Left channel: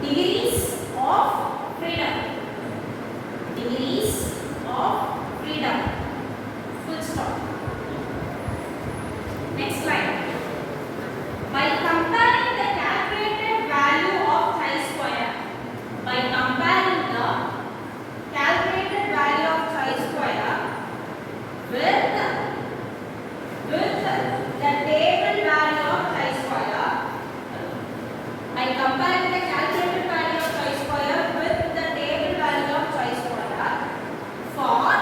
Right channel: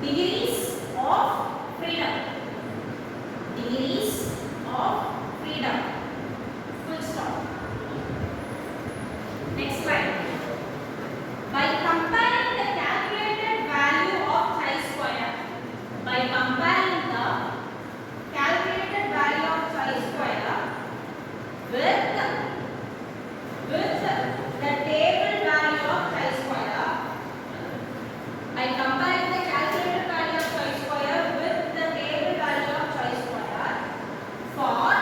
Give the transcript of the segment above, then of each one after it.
Degrees of freedom. Degrees of freedom. Full stop. Next slide. By comparing the calculated value of chi-square, by comparing the calculated value of chi-square with the table value of chi-square, by comparing the calculated value of chi-square with the table value of chi-square for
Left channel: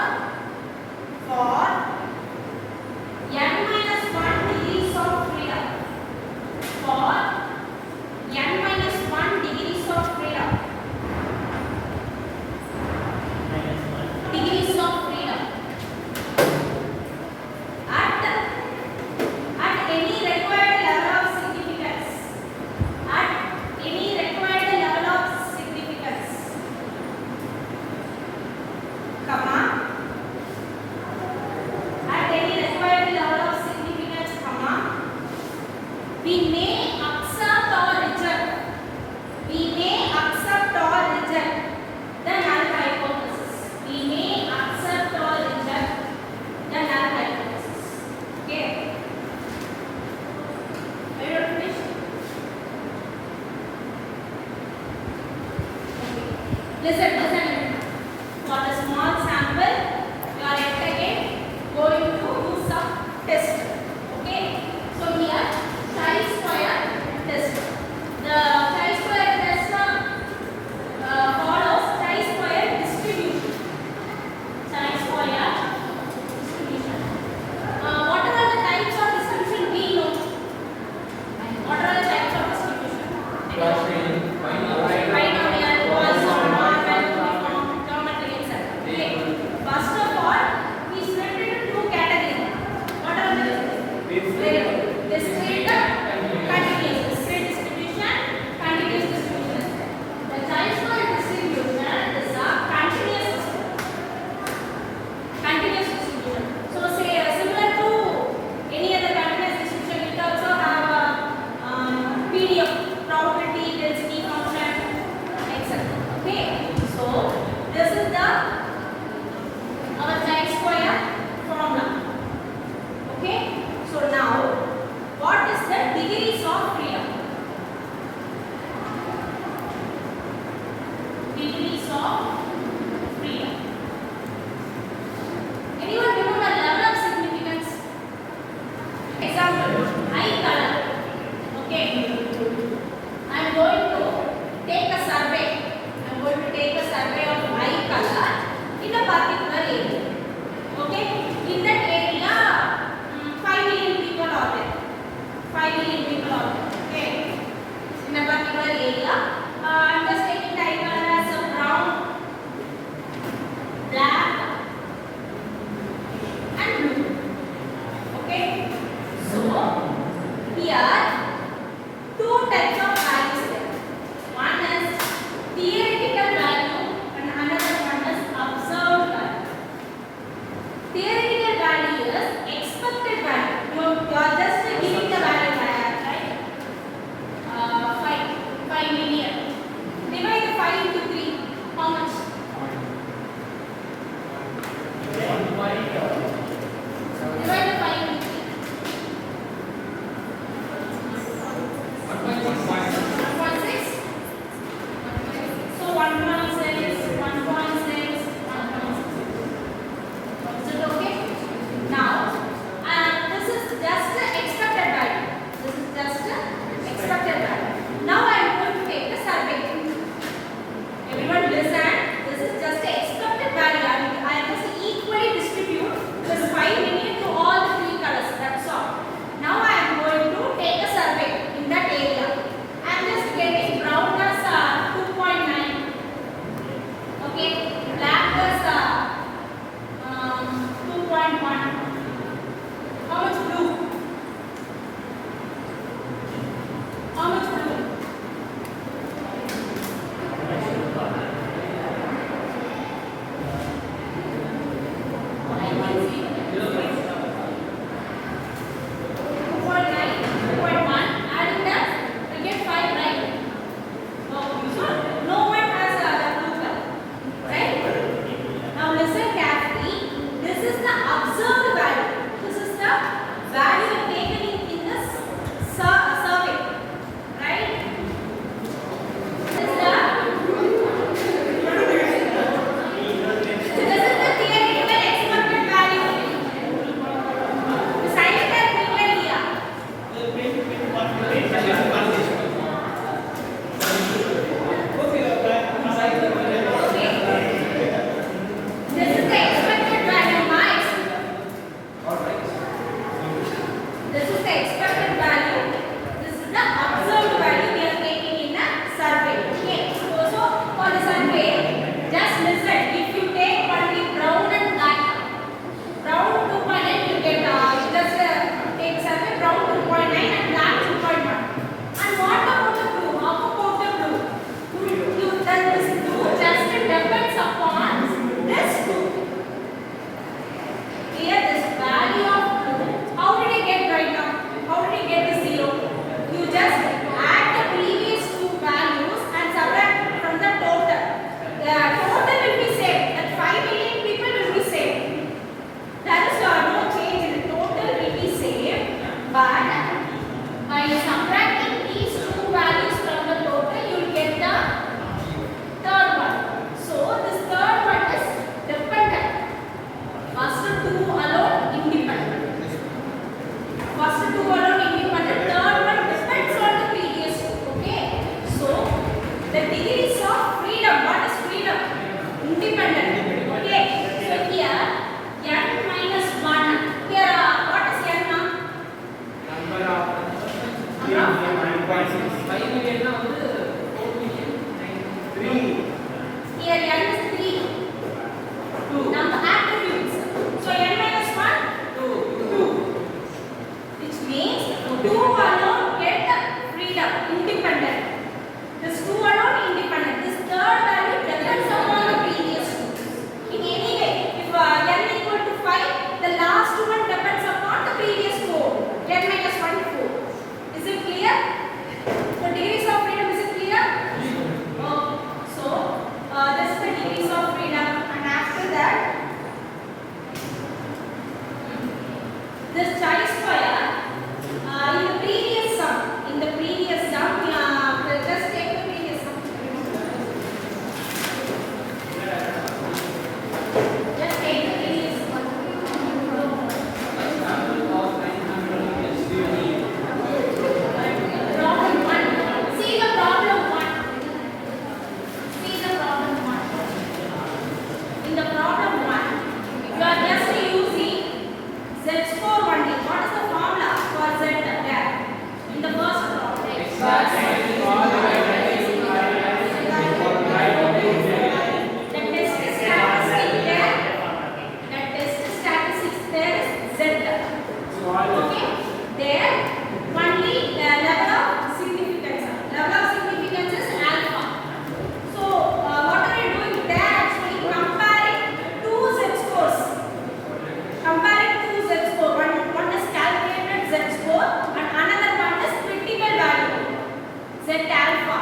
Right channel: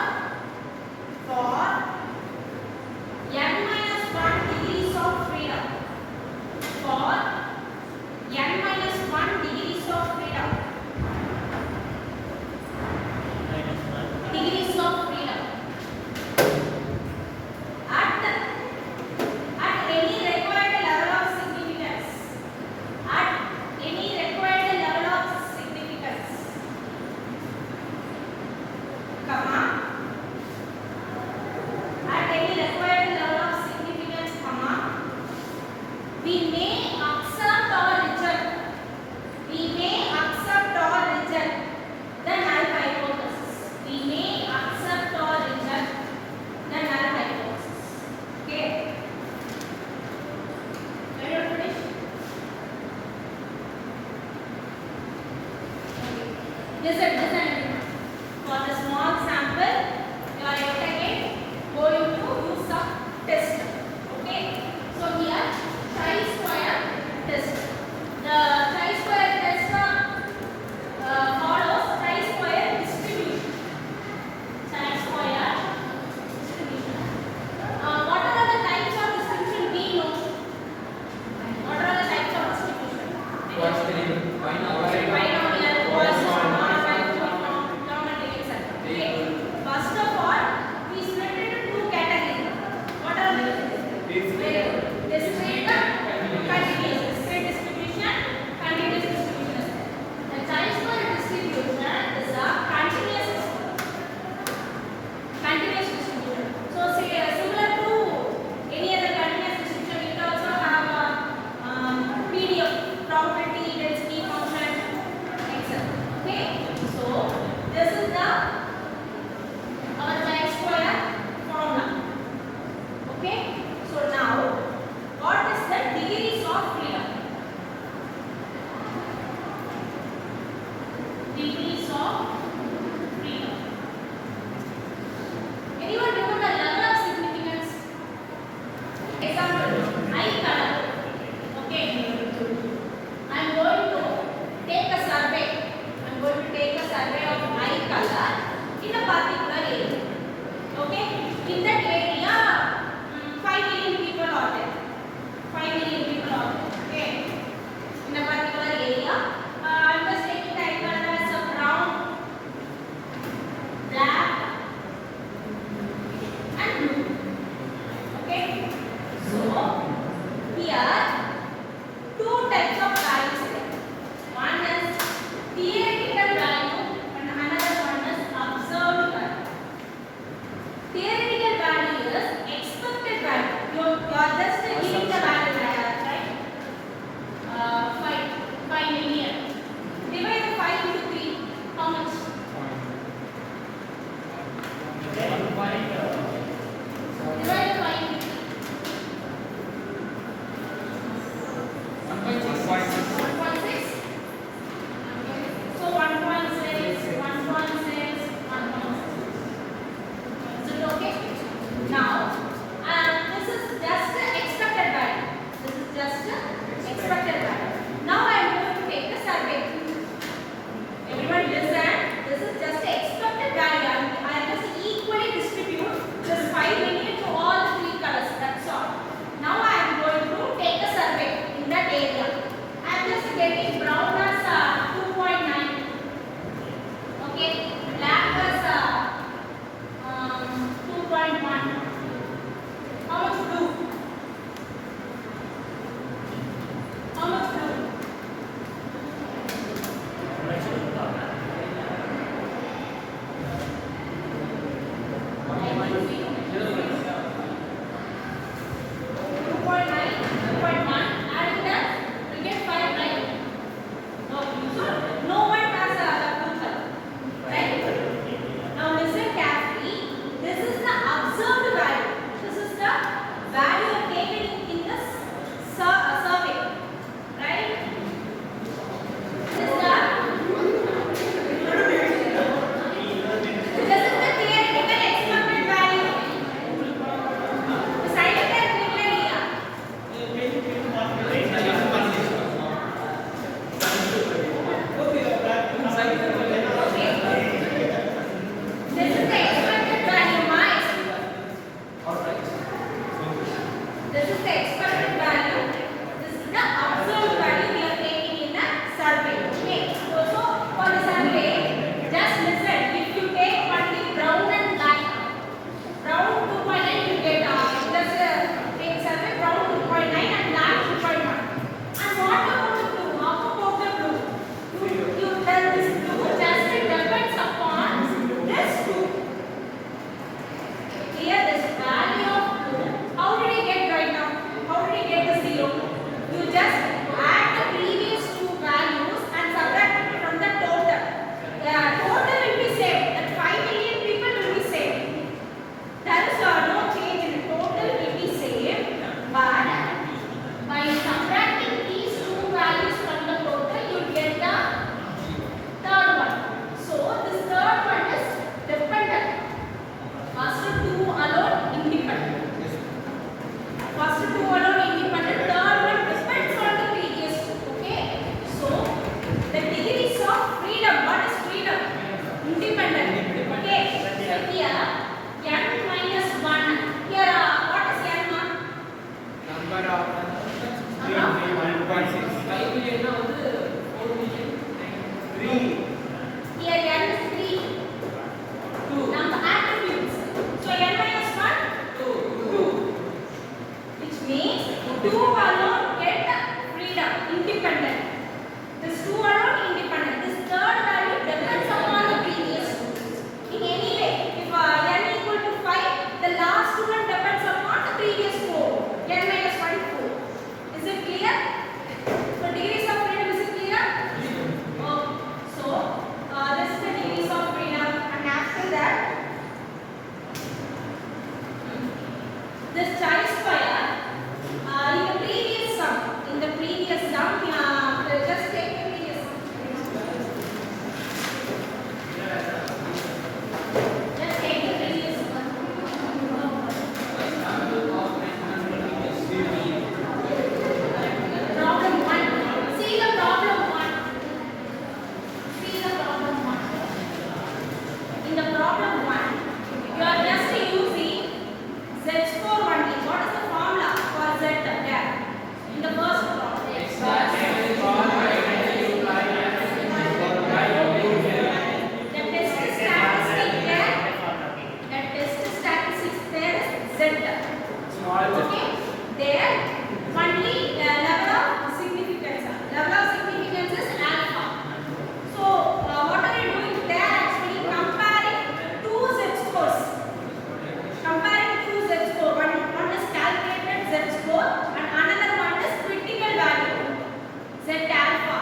n minus 1 degrees of freedom, for n minus 1 degrees of freedom, degrees of freedom at any required level of significance, at any required level of significance, comma, at any required level of significance, comma, we may accept or reject, we may accept or reject the null hypothesis, we may accept or reject the null hypothesis. Okay, are you finished? Okay, listen everyone. For the small sample, you are yet again going to use some test. Okay, so here chi-square test. The chi-square test follows chi-square distribution. Chi-square distribution. What are the types of distribution we know? What are the types of distribution? Binomial, Poisson, normal, uniform, geometry, etc. Okay. First of all, we split it into two categories. What are the very good. Discrete, continuous. Discrete distribution, continuous distribution. The chi-square distribution is a continuous distribution. Continuous distribution. So say similar to any other continuous distribution, it also have a PDF, probability density function, etc. Okay. So this is the our chi-square formula. Okay. So now, what is the degrees of freedom? Degrees of freedom. Anyone remember level of significance? Example, eye color. Okay. I am going to take a survey. I am going to take a survey of eye color in a particular area. Okay. In that area, 5 million people are there. 5 million people are there. Okay. In a particular area, I am just taking the eye color as a brown, black, and blue. Okay. So here two types of values there. One is theoretical value and another one is observed value. Theoretical value is expected value. You are just giving the value, right? 5 million. listen. If you take only brown and black, brown 2.8 you get just take survey brown 2.9 and black 2.1. And what about the blue? How about the blue? You then this blue just depends upon this two. Here this value of blue. How did I get right now? How did I get the 0? You just add the previous two values and subtract from the total. The total will be same. That 5 million people will be same. There is no change in the total will be same. But by subtracting these two values from the total, you will get the third one. So this third one is dependent. First two alone independent. First two alone independent. Third one depends on the previous two. Okay. So the degrees of freedom. What is freedom? Independent. Okay. So here n minus 1. Here what is n? Number of 5 million na 4 million 3. Here n is 3. 2. Number attributes. So n minus 1 2. Which means 2 alone get freedom, independent. This 2 alone independent. This third value depends upon the previous two. In any way, if n equal to 5, the last one depends upon the previous 4. n minus 1 4. Is it clear? So degrees of freedom, is it clear? Okay. So this is the degrees of freedom, and after that this chi-square in the previous sum, just take the previous sum. Just take the previous sum. Problem 1. See the problem 1. See the problem 1. In the problem 1, you are just using Z score only. What is the formula for Z there? In the first problem. The test statistics there is Z. Okay? There only level of significance. Level of significance is alpha. So what are you doing there? Actually comparing two Z scores. Comparing two Z score. One is calculated Z score and another one is critical value. Z alpha.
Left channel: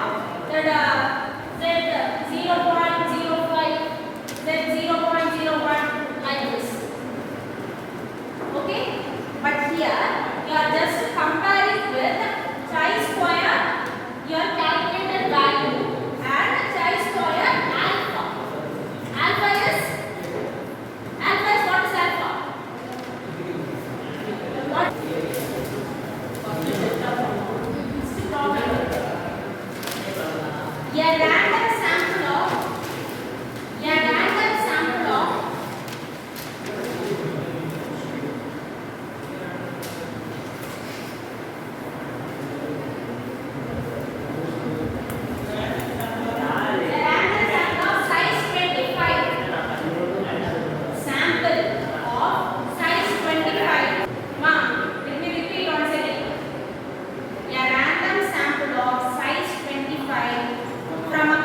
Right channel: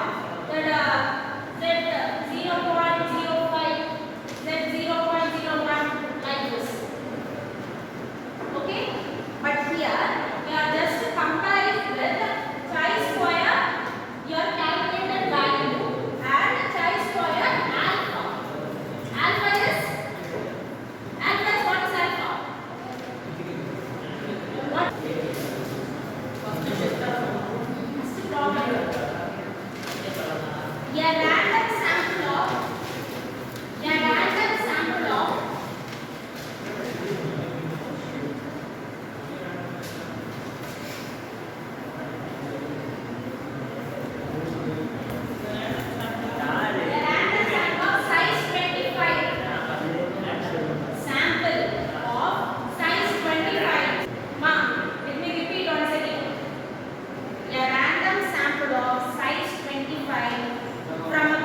That Z 0.05, Z 0.01 like this. Okay? But here you are just comparing with chi-square your calculated value and chi-square alpha. Alpha is what is alpha? What? This is the problem. A random sample of size 25. Sample of size 25. Ma, let me repeat once again. A random sample of size 25 from a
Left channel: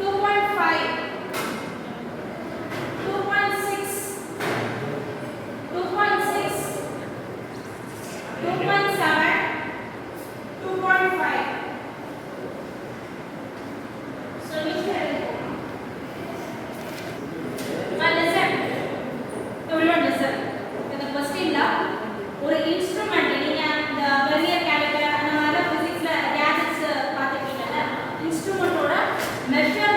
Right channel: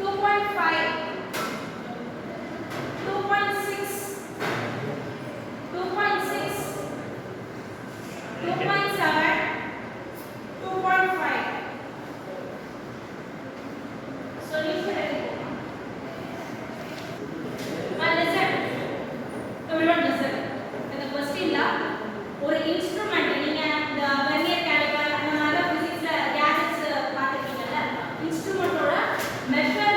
2.5, 2.6, 2.6, 2.7, 2.5. Solution. Listen. Everyone listen. இந்த क्वेश्चनல ஒரு instrument நீங்க இந்த vernier calibre அந்த மாதிரி பிசிக்ஸ்ல gadgets பாத்துப்பீங்கல்ல இன்ஸ்ட்ருமென்ட்டோட measure